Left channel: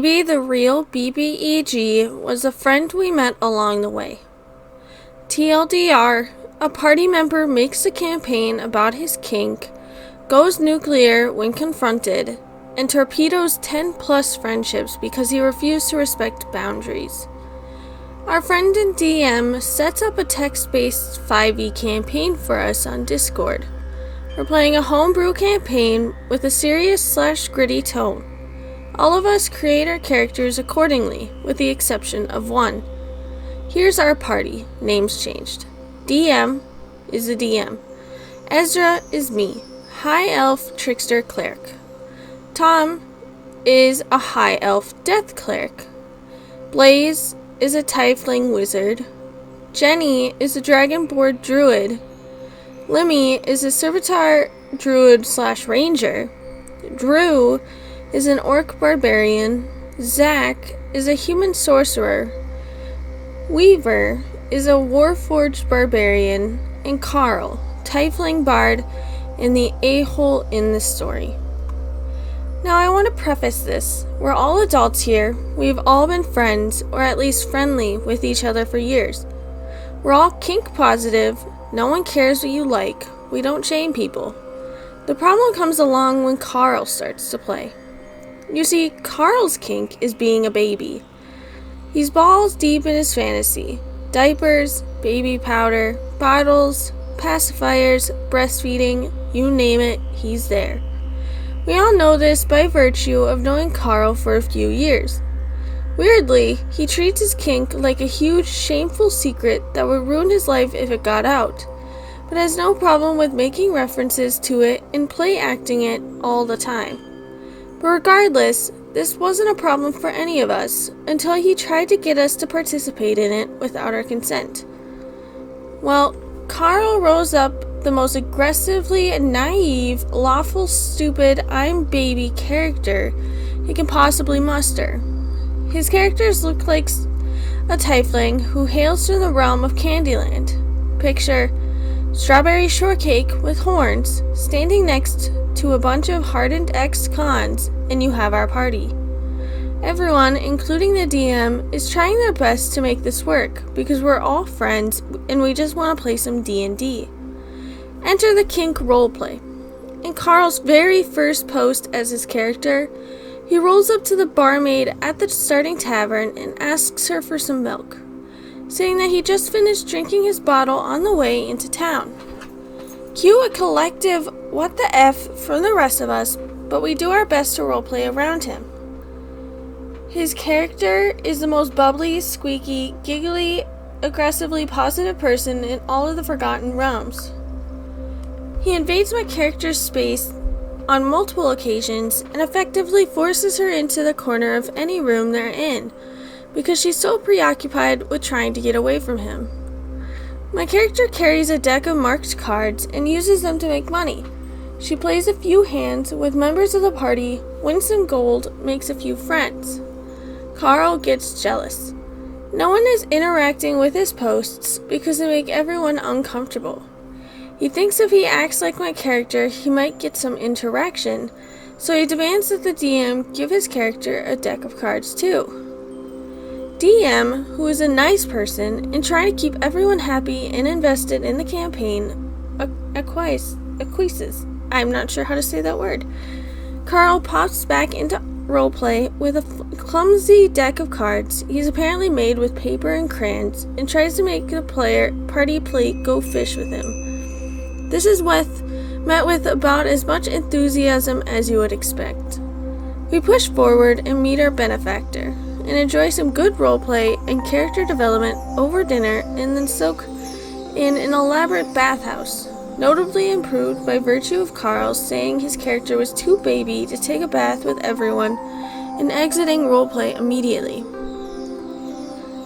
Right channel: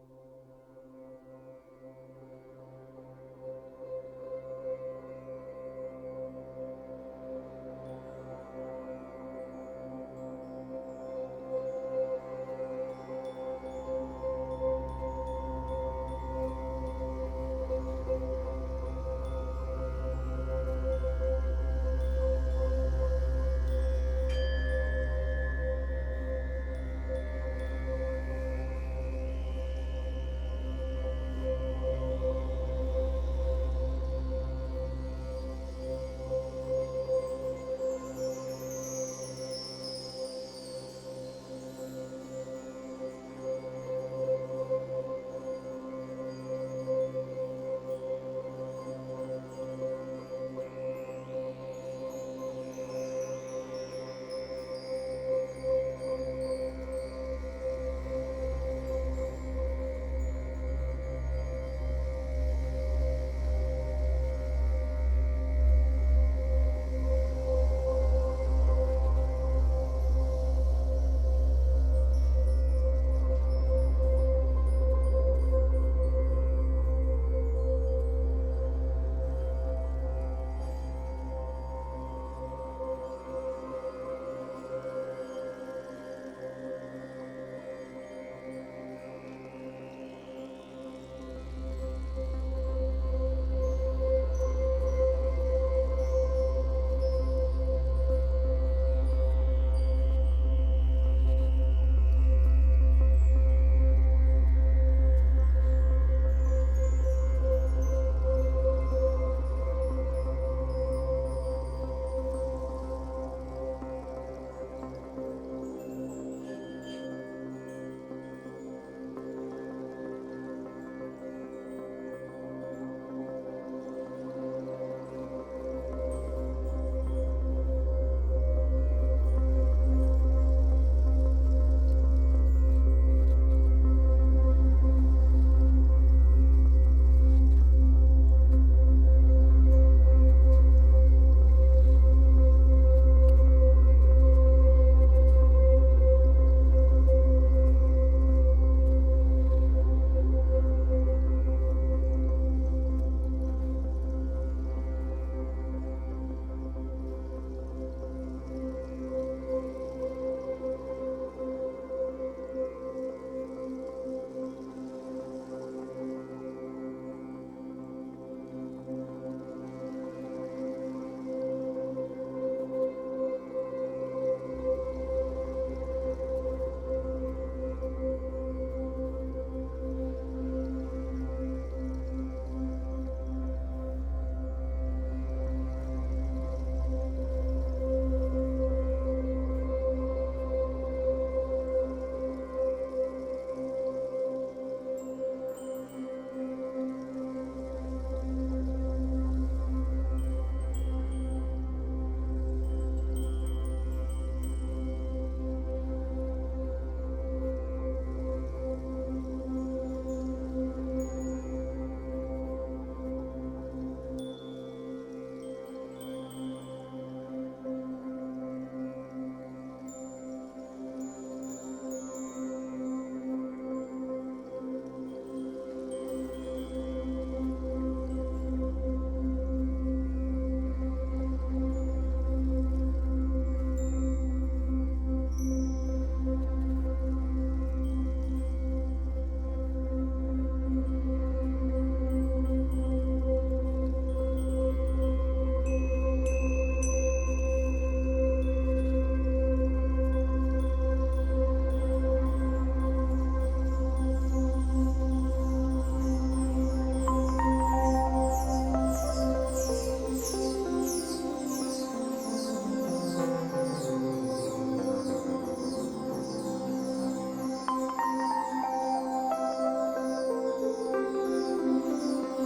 Maybe the real BBEG was a friend we met along the way. TLDR, a party member makes a campaign about his kink, goes nuclear when confronted, and torpedoes 10-plus friendships because he refused to respect boundaries. Our friend in DM sets up a text-based 5e campaign for us on Discord. We're playing a homebrew campaign with a serious/gritty tone. All of us create our characters accordingly, with the exception of one. Here's our party, names changed. DM is the DM. Ezra is me, High Elf Trickster Cleric. Tom is a High Elf Death Cleric. Blaze is a Tiefling Wizard. Jenny is a Dragonborn Druid. Lemmy is a Servitor Druid/Ranger. Drew is an Orc Barbarian. Zach is a Human Sorcerer. Weaver is a Warforged Barbarian. And Carl, Tiefling Bard, and the a-hole in this story. Now I want to preface this. We're all adults here. We've all been friends, or at least friendly, with each other for years. We're all kink positive. No one cares what you like. We don't shame people. The problem comes along when Carl starts to play. You see, Carl's kink is being a baby. He's balls deep in his fantasy. Diapers, baby powder, bottles, pacifiers, breastfeeding, you name it, he's there. We all know this by virtue of knowing Carl for a few years. Weirdly, he treats his kink like a huge, shameful secret that would ruin his life if it got out, but has no problem with making references to it and play acting it all the time. But regardless, this wasn't a problem for any of us until he tried to get us to participate in it without our consent. Well, Carl rose up the most aggressively naive, lawful, stupid, I'm baby character he can possibly muster. His characters look like a tiefling who hails from the realm of Candyland. Picture strawberry shortcake with horns standing next to a bunch of hardened ex-cons, and you have our party. Everyone, including the DM, is trying their best to make this work because we're all friends and we just want to play some D&D. Enter the kink roleplay. In Carl's very first post as his character, he rolls up to the barmaid at the starting tavern and asks her for some milk, saying that he just finished drinking his bottle on the way into town. Cue a collective what the F from the rest of us, but we do our best to roleplay around him. His character is the most bubbly, squeaky, giggly, aggressively positive person in all of the Forgotten Realms. He invades my character's space on multiple occasions and effectively forces her into the corner of any room they're in because she's so preoccupied with trying to get away from him. My character carries a deck of marked cards and uses them to make money. She plays a few hands with members of the party, wins some gold, makes a few friends. Carl gets jealous. No one is interacting with his posts because they make everyone uncomfortable. He thinks if he acts like my character, he might get some interaction, so he demands that the DM give his character a deck of cards too. DM, who is a nice person and trying to keep everyone happy and invested in the campaign, acquiesces. I'm not sure how to say that word. Carl pops back into roleplay with a clumsy deck of cards he's apparently made with paper and crayons and tries to make the party play go fish with him. This is met with about as much enthusiasm as you would expect. We push forward and meet our benefactor, and enjoy some good roleplay and character development over dinner and then soak in an elaborate bathhouse, notably improved by virtue of Carl saying his character was too baby to take a bath with everyone and exiting roleplay immediately.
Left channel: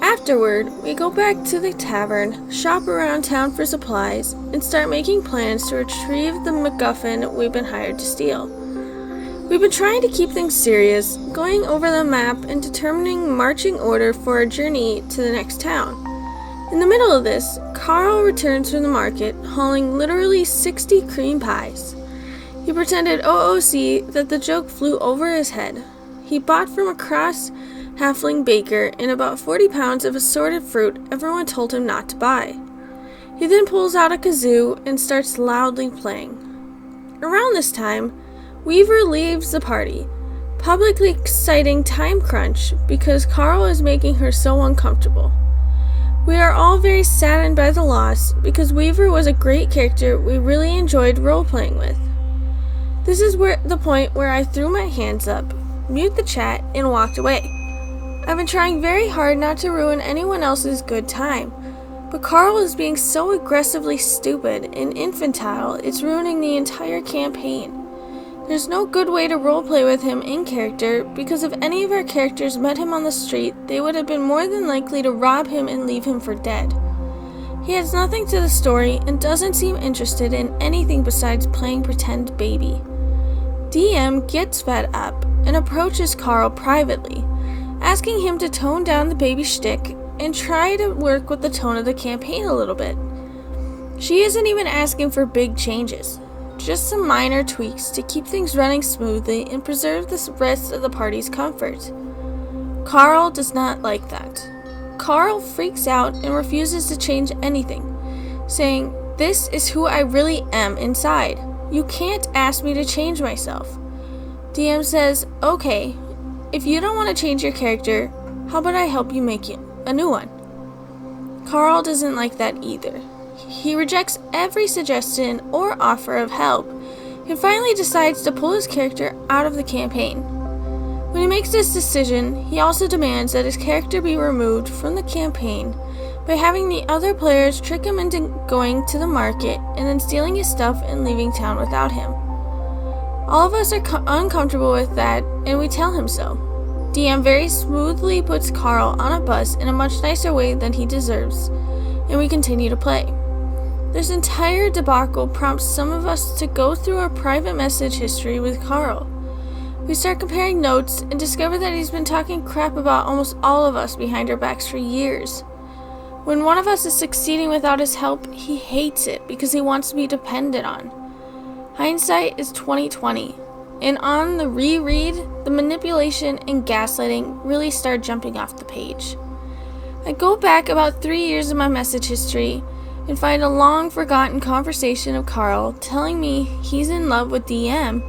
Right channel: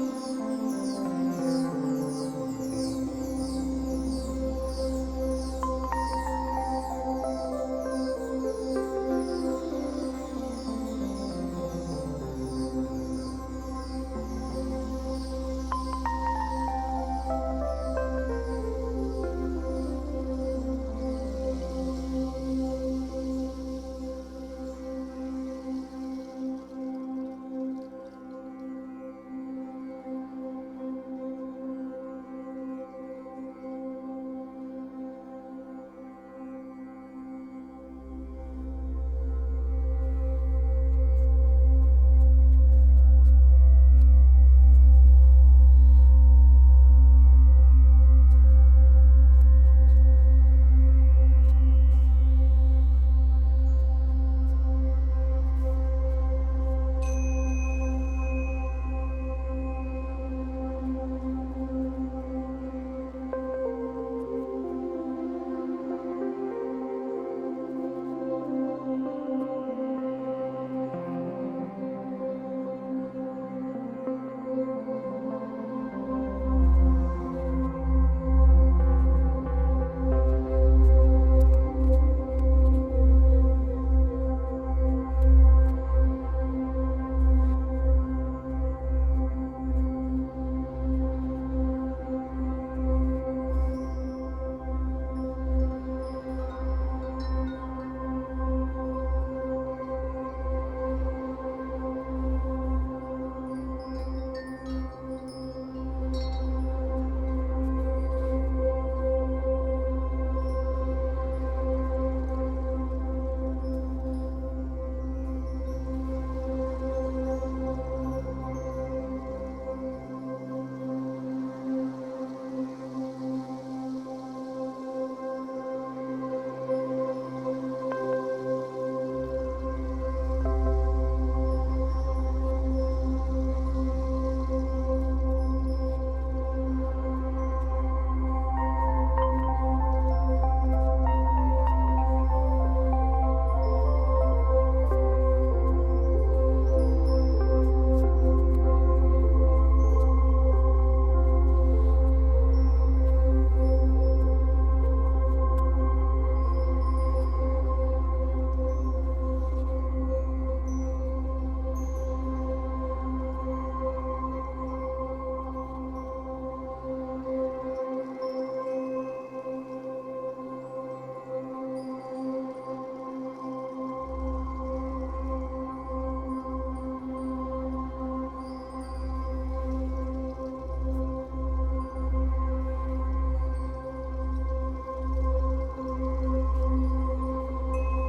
Afterward, we go back to the tavern, shop around town for supplies, and start making plans to retrieve the MacGuffin we've been hired to steal. We've been trying to keep things serious, going over the map and determining marching order for our journey to the next town. In the middle of this, Carl returns from the market, hauling literally 60 cream pies. He pretended OOC that the joke flew over his head. he bought from a cross halfling baker and about 40 pounds of assorted fruit everyone told him not to buy. He then pulls out a kazoo and starts loudly playing. Around this time, Weaver leaves the party, publicly citing time crunch because Carl is making her so uncomfortable. We are all very saddened by the loss because Weaver was a great character we really enjoyed role-playing with. This is the point where I threw my hands up, mute the chat, and walked away. I've been trying very hard not to ruin anyone else's good time, but Carl is being so aggressively stupid and infantile it's ruining the entire campaign. There's no good way to roleplay with him in character because if any of our characters met him on the street, they would have been more than likely to rob him and leave him for dead. He adds nothing to the story and doesn't seem interested in anything besides playing pretend baby. DM gets fed up and approaches Carl privately, asking him to tone down the baby shtick and try to work with the tone of the campaign a little bit. She isn't even asking for big changes. Just some minor tweaks to keep things running smoothly and preserve the rest of the party's comfort. Carl does not like that. Carl freaks out and refuses to change anything, saying, "This is who I really am inside. You can't ask me to change myself." DM says, "Okay, if you don't want to change your character, how about I help you make a new one?" Carl doesn't like that either. He rejects every suggestion or offer of help and finally decides to pull his character out of the campaign. When he makes this decision, he also demands that his character be removed from the campaign by having the other players trick him into going to the market and then stealing his stuff and leaving town without him. All of us are uncomfortable with that, and we tell him so. DM very smoothly puts Carl on a bus in a much nicer way than he deserves, and we continue to play. This entire debacle prompts some of us to go through our private message history with Carl. We start comparing notes and discover that he's been talking crap about almost all of us behind our backs for years. When one of us is succeeding without his help, he hates it because he wants to be depended on. Hindsight is 2020, and on the reread, the manipulation and gaslighting really start jumping off the page. I go back about 3 years in my message history and find a long-forgotten conversation of Carl telling me he's in love with DM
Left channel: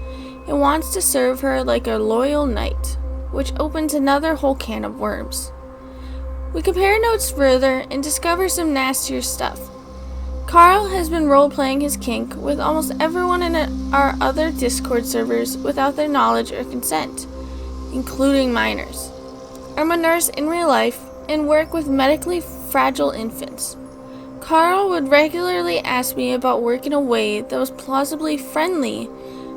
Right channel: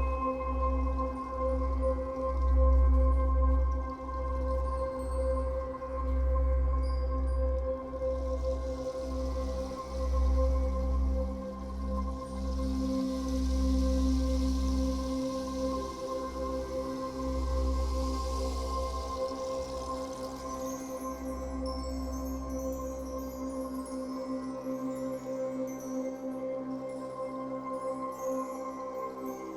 and wants to serve her like a loyal knight, which opens another whole can of worms. We compare notes further and discover some nastier stuff. Carl has been role-playing his kink with almost everyone in our other Discord servers without their knowledge or consent, including minors. I'm a nurse in real life and work with medically fragile infants. Carl would regularly ask me about work in a way that was plausibly friendly,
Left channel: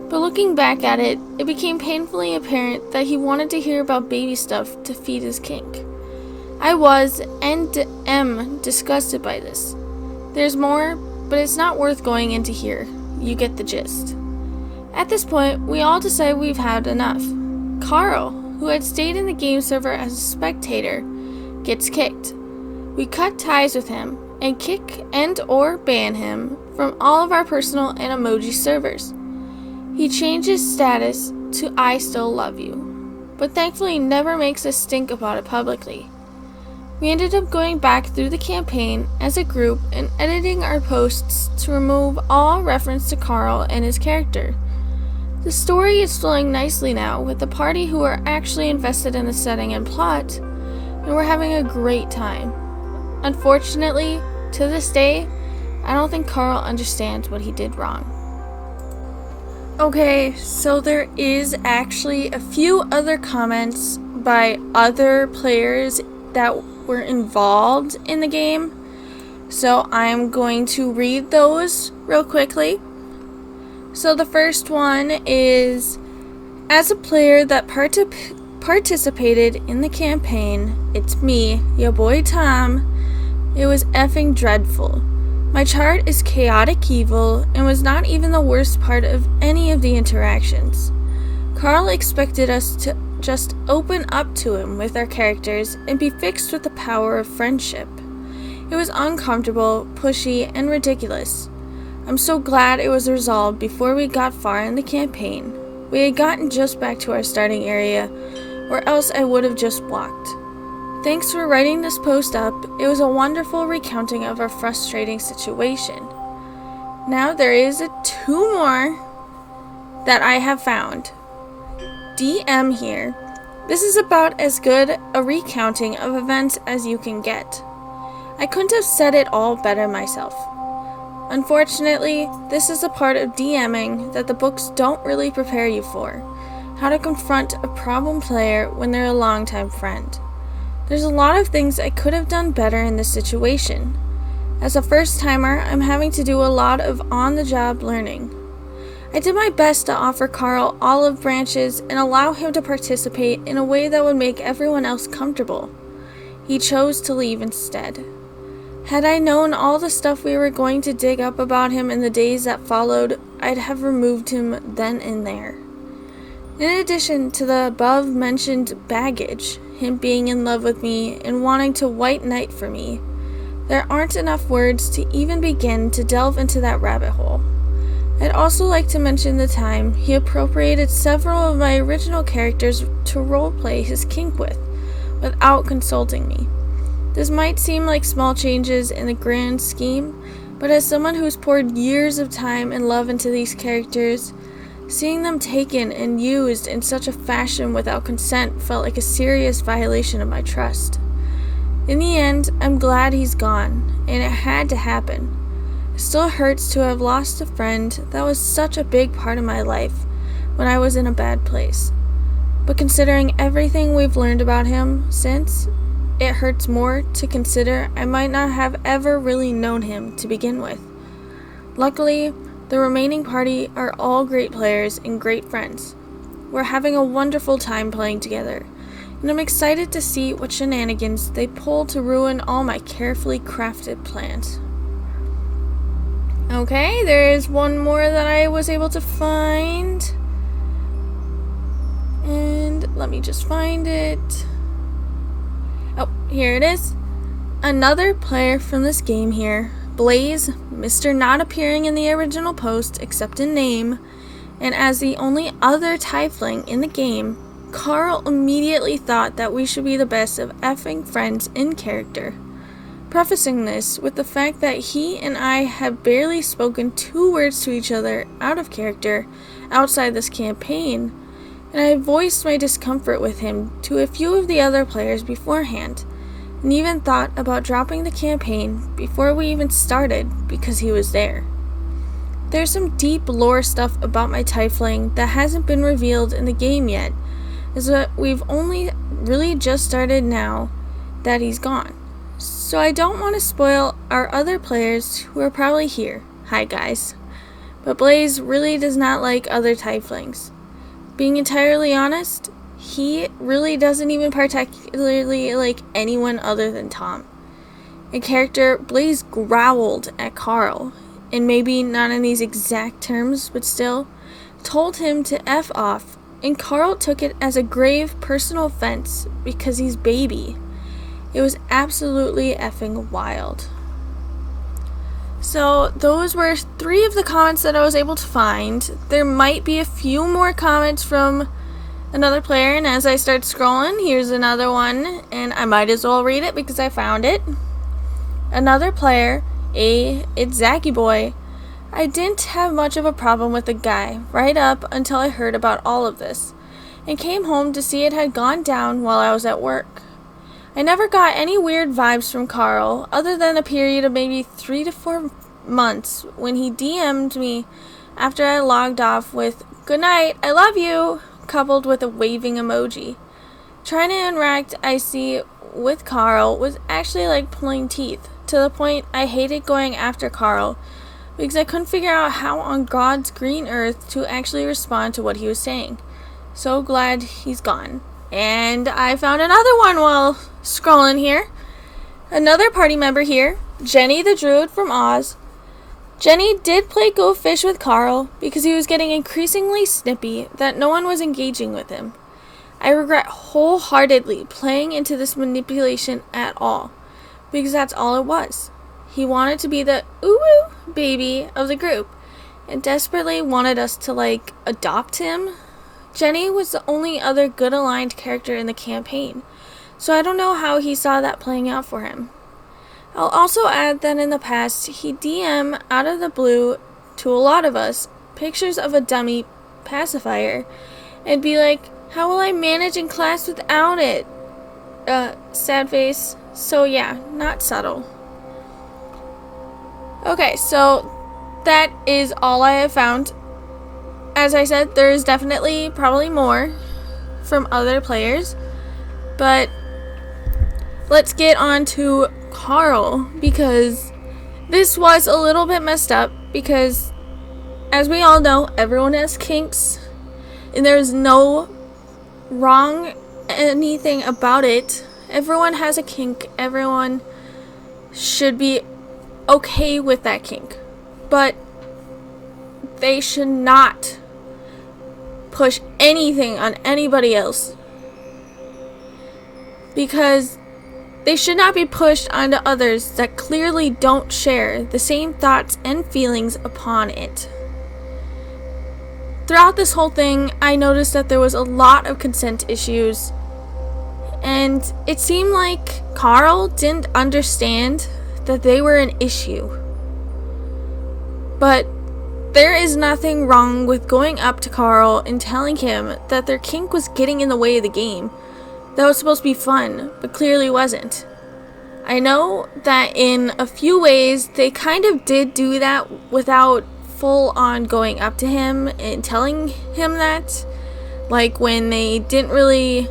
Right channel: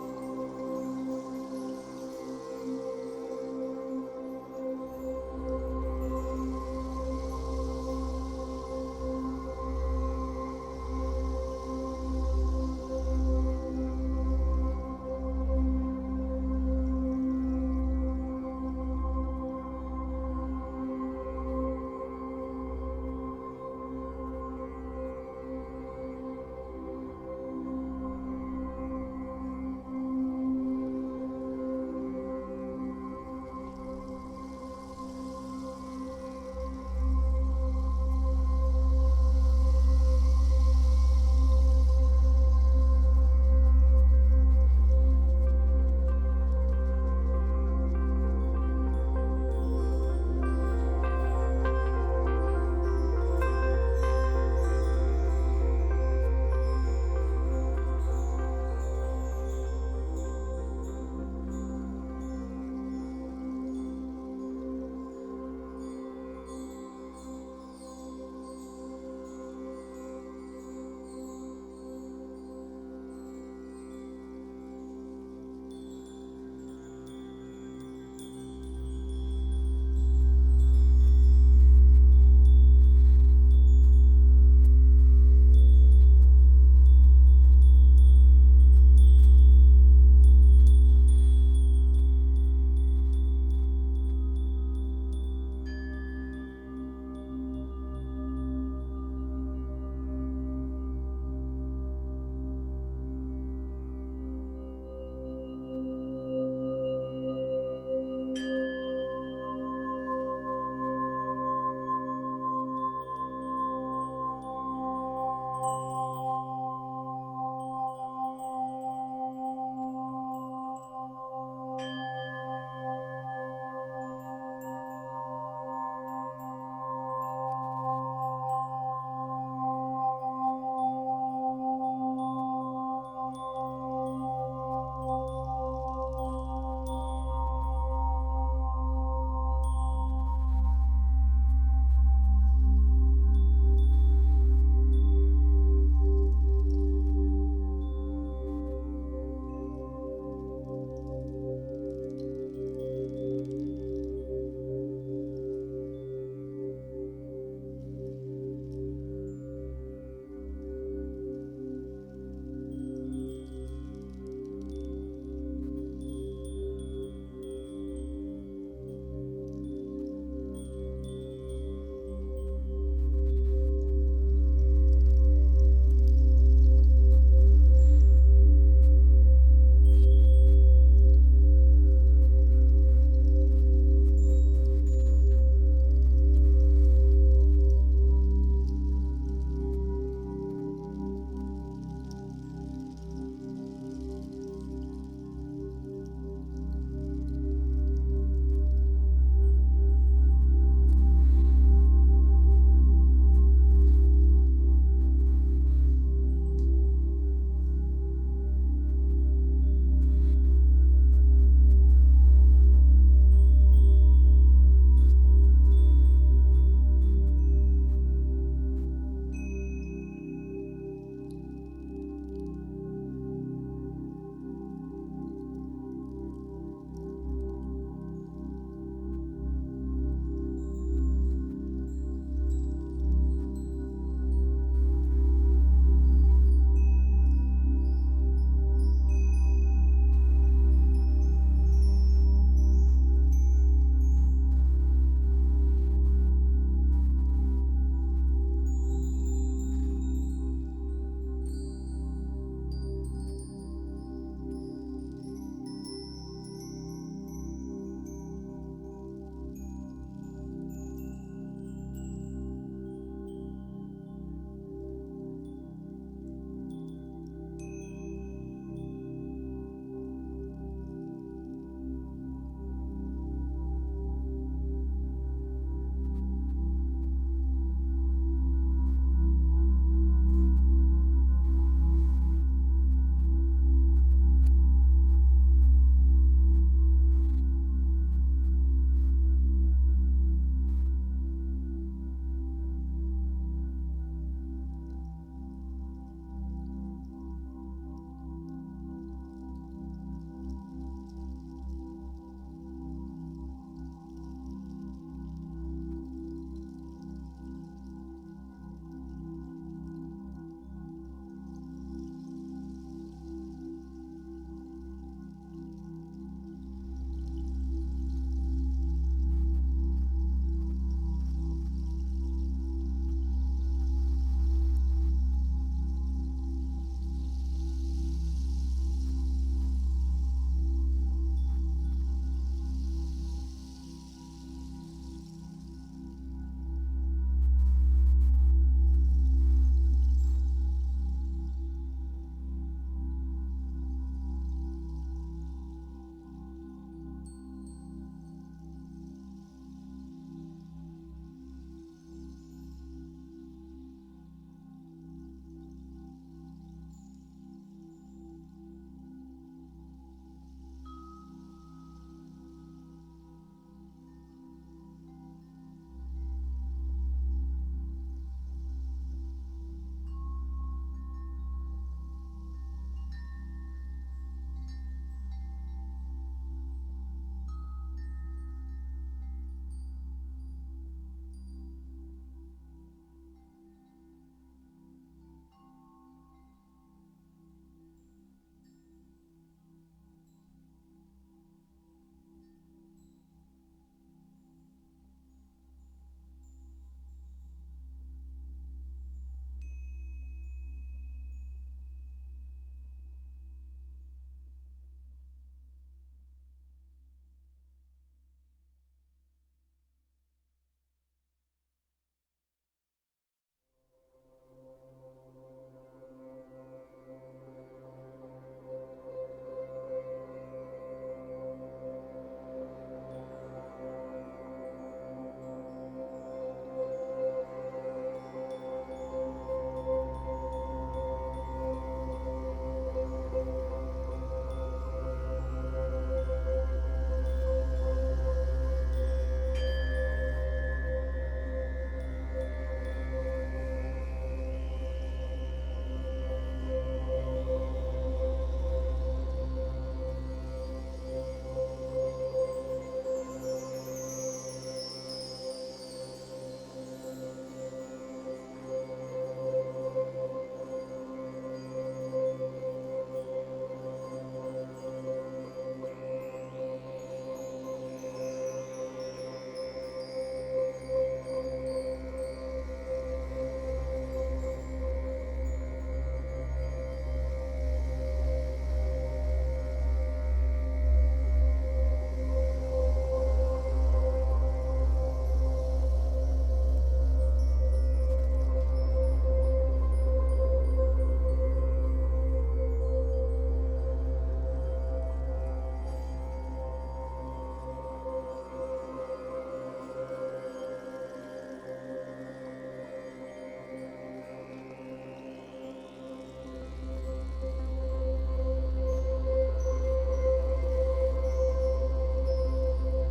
but looking back at it, it became painfully apparent that he wanted to hear about baby stuff to feed his kink. I was and am disgusted by this. There's more, but it's not worth going into here. You get the gist. At this point, we all decide we've had enough. Carl, who had stayed in the game server as a spectator, gets kicked. We cut ties with him and kick and/or ban him from all of our personal and emoji servers. He changes status to "I still love you," but thankfully never makes a stink about it publicly. We ended up going back through the campaign as a group and editing our posts to remove all reference to Carl and his character. The story is flowing nicely now with the party who are actually invested in the setting and plot, and we're having a great time. Unfortunately, to this day, I don't think Carl understands what he did wrong. Okay, so there is actually a few other comments by other players that were involved in the game, so I'm going to read those real quickly. So the first one is, as a player that participated in the campaign, it's me, your boy Tom. It was effing dreadful. My chart is chaotic evil and was not even the worst part of any of the interactions. Carl expected us to just open up to him with our characters and be fixed with the power of friendship. It was uncomfortable, pushy, and ridiculous. I'm so glad it was resolved before we got far in the campaign. We had gotten just back to our starting area or else I would have just walked. Thanks for writing this post up. It was a wonderful recounting of a frustrating situation. Now there is two more that I have found. DM here. This is about as good a recounting of events as you can get. I couldn't have said it all better myself. Unfortunately, this is a part of DMing that the books don't really prepare you for. How to confront a problem player when they're a longtime friend. There's a lot of things I could have done better in this situation. As a first-timer, I'm having to do a lot of on-the-job learning. I did my best to offer Carl olive branches and allow him to participate in a way that would make everyone else comfortable. He chose to leave instead. Had I known all the stuff we were going to dig up about him in the days that followed, I'd have removed him then and there. In addition to the above-mentioned baggage, him being in love with me and wanting to white knight for me, there aren't enough words to even begin to delve into that rabbit hole. I'd also like to mention the time he appropriated several of my original characters to roleplay his kink with, without consulting me. This might seem like small changes in the grand scheme, but as someone who's poured years of time and love into these characters, seeing them taken and used in such a fashion without consent felt like a serious violation of my trust. In the end, I'm glad he's gone, and it had to happen. It still hurts to have lost a friend that was such a big part of my life when I was in a bad place. But considering everything we've learned about him since, it hurts more to consider I might not have ever really known him to begin with. Luckily, the remaining party are all great players and great friends. We're having a wonderful time playing together, and I'm excited to see what shenanigans they pull to ruin all my carefully crafted plans. Okay, there is one more that I was able to find. And let me just find it. Oh, here it is. Another player from this game here, Blaze, Mr. Not appearing in the original post except in name, and as the only other tiefling in the game, Carl immediately thought that we should be the best of effing friends in character. Prefacing this with the fact that he and I have barely spoken 2 words to each other out of character outside this campaign, and I voiced my discomfort with him to a few of the other players beforehand, and even thought about dropping the campaign before we even started because he was there. There's some deep lore stuff about my tiefling that hasn't been revealed in the game yet, as we've only really just started now that he's gone. So I don't want to spoil our other players who are probably here. Hi guys. But Blaze really does not like other tieflings. Being entirely honest, he really doesn't even particularly like anyone other than Tom. In character, Blaze growled at Carl, and maybe not in these exact terms, but still, told him to F off, and Carl took it as a grave personal offense because he's baby. It was absolutely effing wild. So those were 3 of the comments that I was able to find. There might be a few more comments from another player, and as I start scrolling, here's another one, and I might as well read it because I found it. Another player, it's Zacky Boy. I didn't have much of a problem with the guy right up until I heard about all of this, and came home to see it had gone down while I was at work. I never got any weird vibes from Carl, other than a period of maybe 3 to 4 months when he DM'd me after I logged off with, "Good night, I love you," coupled with a waving emoji. Trying to interact I see with Carl was actually like pulling teeth, to the point I hated going after Carl, because I couldn't figure out how on God's green earth to actually respond to what he was saying. So glad he's gone. And I found another one while scrolling here. Another party member here, Jenny the Druid from Oz. Jenny did play Go Fish with Carl because he was getting increasingly snippy that no one was engaging with him. I regret wholeheartedly playing into this manipulation at all, because that's all it was. He wanted to be the ooh baby of the group and desperately wanted us to adopt him. Jenny was the only other good aligned character in the campaign, so I don't know how he saw that playing out for him. I'll also add that in the past, he DM out of the blue to a lot of us pictures of a dummy pacifier and be like, how will I manage in class without it? Sad face. So yeah, not subtle. Okay, so that is all I have found. As I said, there is definitely probably more from other players, but let's get on to Carl, because this was a little bit messed up, because as we all know, everyone has kinks, and there's no wrong anything about it. Everyone has a kink. Everyone should be okay with that kink, but they should not push anything on anybody else, because they should not be pushed onto others that clearly don't share the same thoughts and feelings upon it. Throughout this whole thing, I noticed that there was a lot of consent issues, and it seemed like Carl didn't understand that they were an issue. But there is nothing wrong with going up to Carl and telling him that their kink was getting in the way of the game. That was supposed to be fun, but clearly wasn't. I know that in a few ways they kind of did do that without full on going up to him and telling him that. Like when they didn't really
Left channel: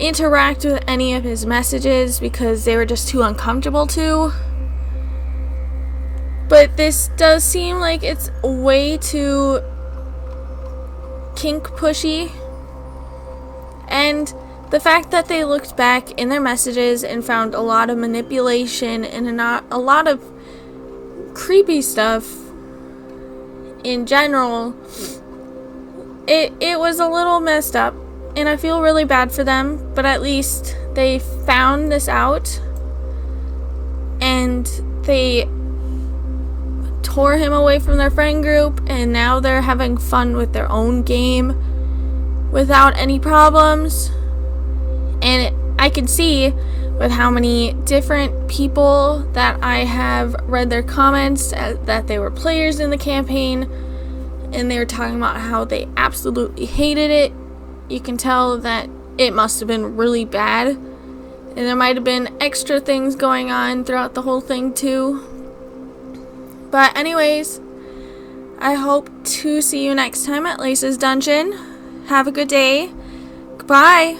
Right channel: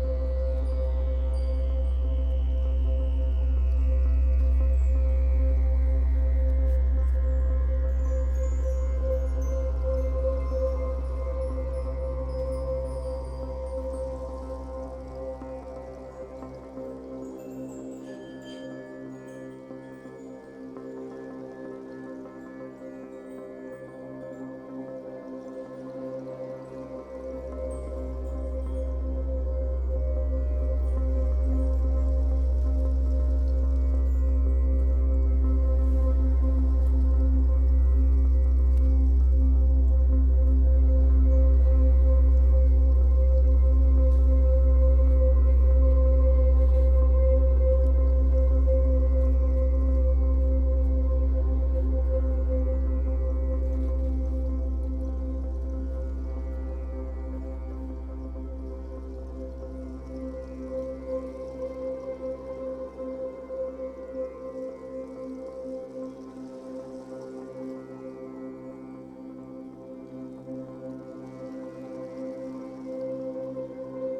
interact with any of his messages because they were just too uncomfortable to. But this does seem like it's way too kink pushy. And the fact that they looked back in their messages and found a lot of manipulation and a lot of creepy stuff in general, it was a little messed up. And I feel really bad for them, but at least they found this out and they tore him away from their friend group, and now they're having fun with their own game without any problems. And I can see with how many different people that I have read their comments that they were players in the campaign and they were talking about how they absolutely hated it. You can tell that it must have been really bad, and there might have been extra things going on throughout the whole thing too. But anyways, I hope to see you next time at Lace's Dungeon. Have a good day. Goodbye.